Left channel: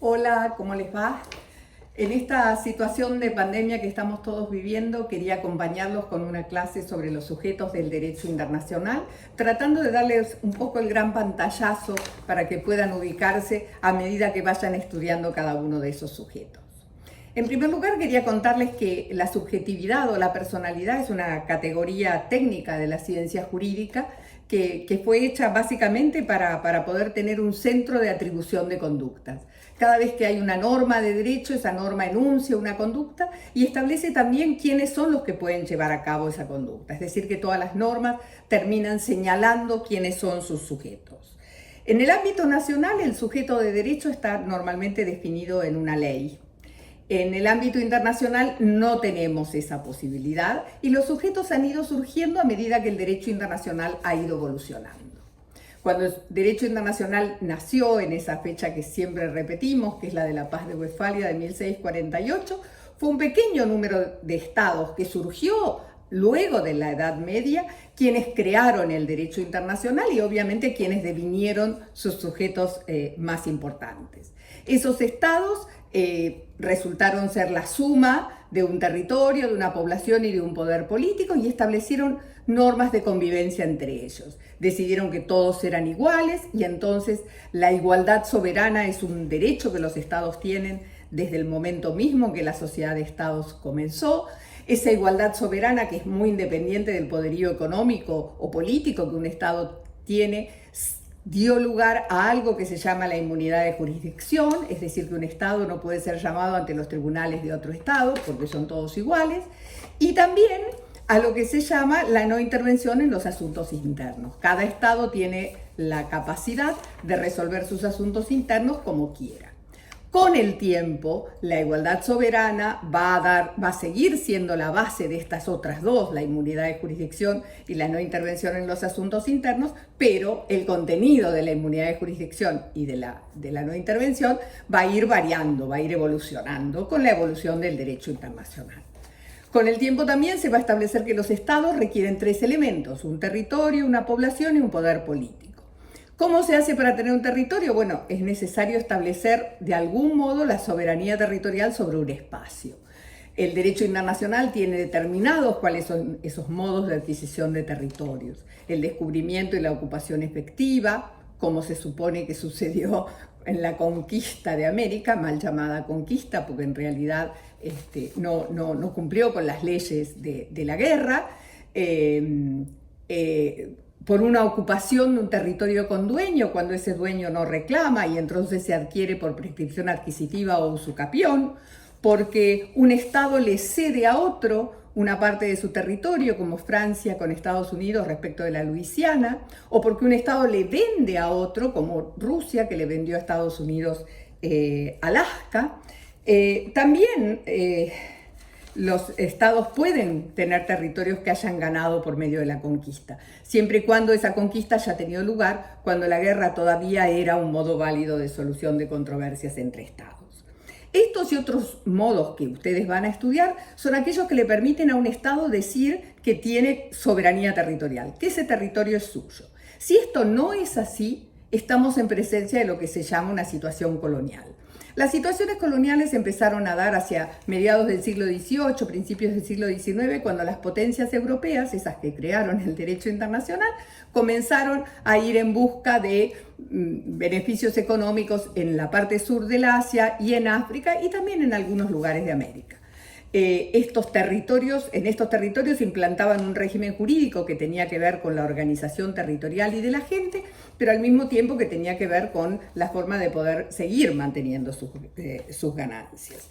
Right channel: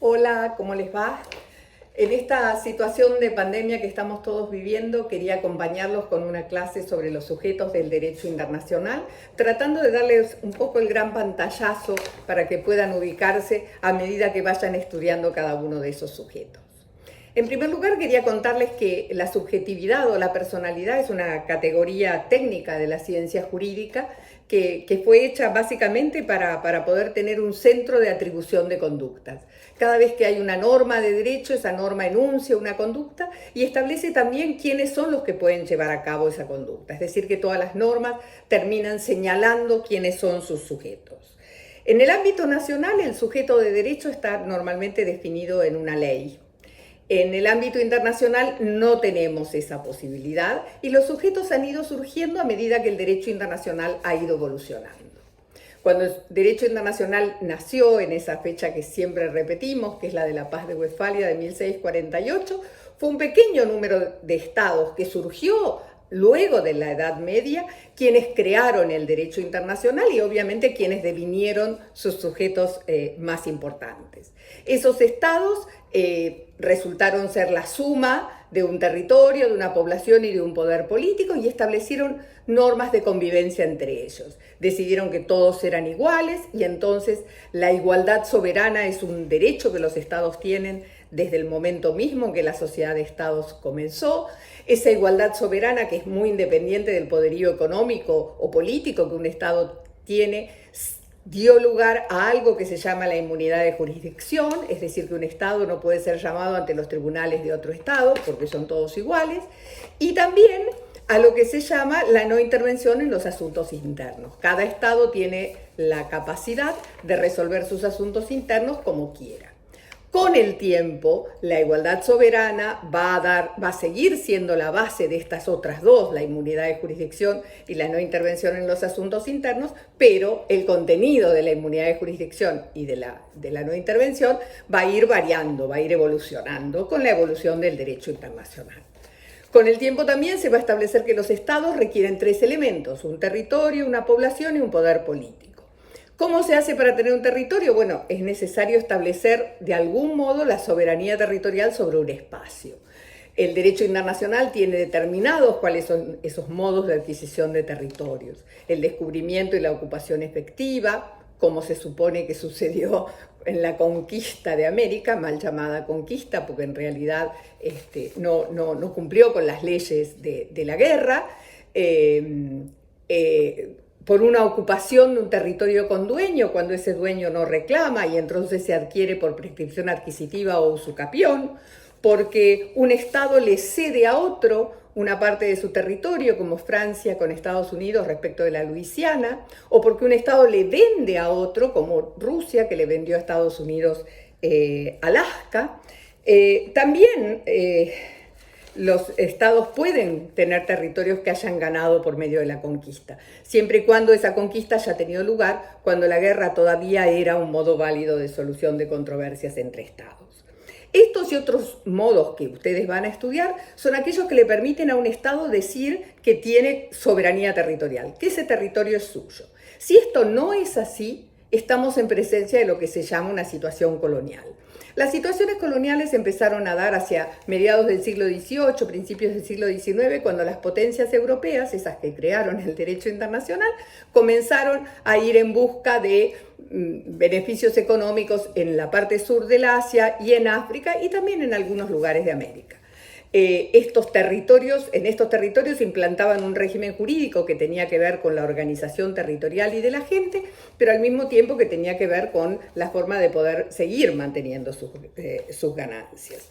Hola, ¿cómo les va? En esta situación de pandemia que estamos todos viviendo, quería acompañarlos con una clase sobre los sujetos del derecho internacional, tratando de darles un poco el gran pantallazo para que puedan ubicarse a medida que vayan estudiando cada uno de esos sujetos. En primer lugar, quería contarles que la subjetividad o la personalidad es una categoría técnica de la ciencia jurídica que fue hecha básicamente para poder tener un centro de atribución de conductas. Cada vez que hay una norma de derecho, esa norma enuncia una conducta y establece también quiénes son los que pueden llevar a cabo esa conducta. Es decir, que todas las normas terminan señalando quiénes son sus sujetos. En el ámbito nacional, el sujeto de derecho está normalmente definido en una ley. En el ámbito internacional no tenemos esa posibilidad y los sujetos han ido surgiendo a medida que el derecho internacional ha ido evolucionando. Cuando el derecho internacional nació en esa fecha que siempre repetimos, que es la de la Paz de Westfalia de 1648, fue un pequeño número de estados que surgió luego de la Edad Media, quienes crearon el derecho internacional y obviamente quienes devinieron sus sujetos más importantes. Esos estados resultaron ser la suma de un territorio, de una población y de un poder político y establecieron normas de convivencia entre ellos. Decidieron que todos eran iguales y entonces la igualdad soberana es un derecho que los estados tienen desde el momento mismo que la sociedad de estados comenzó. Esa igualdad soberana, que es muy independiente del poderío económico o político que un estado tiene, dio lugar a algo que se llama la inmunidad de jurisdicción, es decir, que un estado no puede ser llamado ante los tribunales de otro estado porque son todos iguales, y también a lo que se llama la no intervención en los asuntos internos. Cada estado tiene la capacidad de resolver sus asuntos internos como quiera. Con el tiempo, la igualdad soberana va a seguir siendo la base de estas otras dos, la inmunidad de jurisdicción y la no intervención en los asuntos internos, pero el contenido de la inmunidad de jurisdicción y de la no intervención va a ir variando, va a ir evolucionando con la evolución del derecho internacional. Con el tiempo también se va a establecer que los estados requieren tres elementos: un territorio, una población y un poder político. ¿Cómo se hace para tener un territorio? Bueno, es necesario establecer de algún modo la soberanía territorial sobre un espacio. El derecho internacional tiene determinados cuáles son esos modos de adquisición de territorios. El descubrimiento y la ocupación efectiva, como se supone que sucedió en la conquista de América, mal llamada conquista, porque en realidad no cumplió con las leyes de la guerra. Por una ocupación de un territorio con dueño, cuando ese dueño no reclama y entonces se adquiere por prescripción adquisitiva o usucapión, porque un Estado le cede a otro una parte de su territorio, como Francia con Estados Unidos respecto de la Luisiana, o porque un Estado le vende a otro, como Rusia, que le vendió a Estados Unidos Alaska. También los estados pueden tener territorios que hayan ganado por medio de la conquista, siempre y cuando esa conquista haya tenido lugar cuando la guerra todavía era un modo válido de solución de controversias entre estados. Estos y otros modos que ustedes van a estudiar son aquellos que le permiten a un estado decir que tiene soberanía territorial, que ese territorio es suyo. Si esto no es así, estamos en presencia de lo que se llama una situación colonial. Las situaciones coloniales empezaron a dar hacia mediados del siglo XVIII, principios del siglo XIX, cuando las potencias europeas, esas que crearon el derecho internacional, comenzaron a ir en busca de beneficios económicos en la parte sur del Asia y en África y también en algunos lugares de América. En estos territorios implantaban un régimen jurídico que tenía que ver con la organización territorial y de la gente, pero al mismo tiempo que tenía que ver con la forma de poder seguir manteniendo sus ganancias.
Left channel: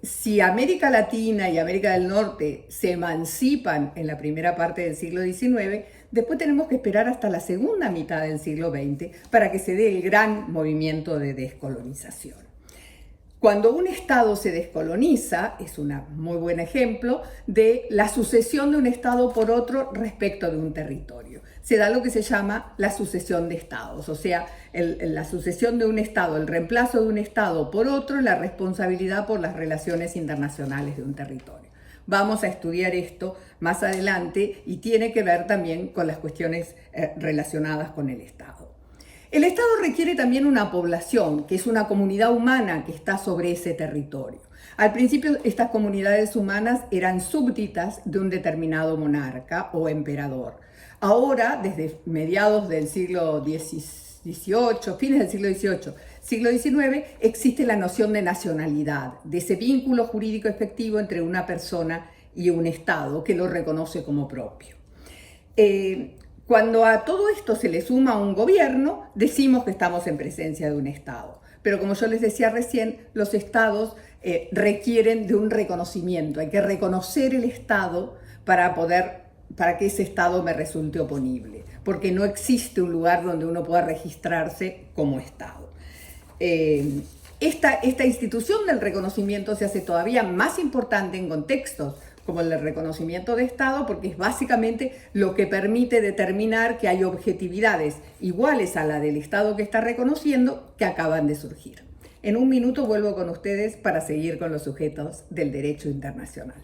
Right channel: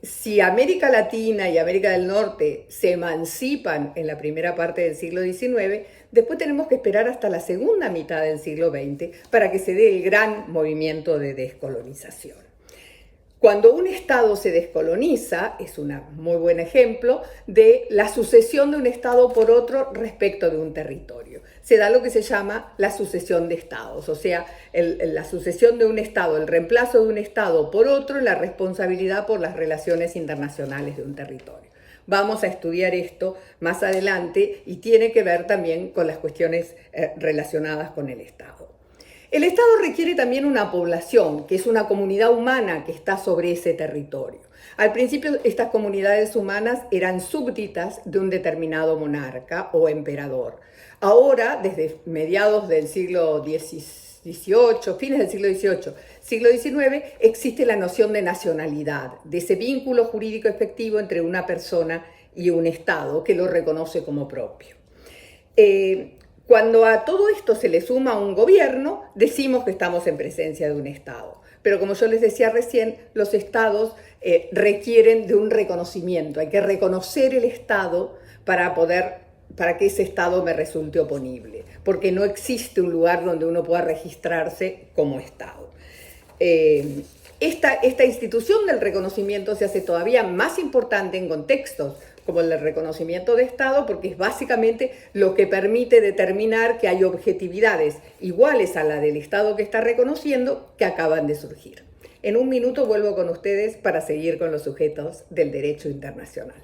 Si América Latina y América del Norte se emancipan en la primera parte del siglo XIX, después tenemos que esperar hasta la segunda mitad del siglo XX para que se dé el gran movimiento de descolonización. Cuando un Estado se descoloniza, es un muy buen ejemplo de la sucesión de un Estado por otro respecto de un territorio. Se da lo que se llama la sucesión de Estados, o sea, la sucesión de un Estado, el reemplazo de un Estado por otro, la responsabilidad por las relaciones internacionales de un territorio. Vamos a estudiar esto más adelante y tiene que ver también con las cuestiones relacionadas con el Estado. El Estado requiere también una población, que es una comunidad humana que está sobre ese territorio. Al principio, estas comunidades humanas eran súbditas de un determinado monarca o emperador. Ahora, desde mediados del siglo XVIII, fines del siglo XVIII, siglo XIX, existe la noción de nacionalidad, de ese vínculo jurídico efectivo entre una persona y un Estado que lo reconoce como propio. Cuando a todo esto se le suma un gobierno, decimos que estamos en presencia de un Estado. Pero como yo les decía recién, los Estados requieren de un reconocimiento. Hay que reconocer el Estado para que ese Estado me resulte oponible, porque no existe un lugar donde uno pueda registrarse como Estado. Esta institución del reconocimiento se hace todavía más importante en contextos como el del reconocimiento de Estado, porque es básicamente lo que permite determinar que hay objetividades iguales a la del Estado que está reconociendo que acaban de surgir. En un minuto vuelvo con ustedes para seguir con los sujetos del derecho internacional.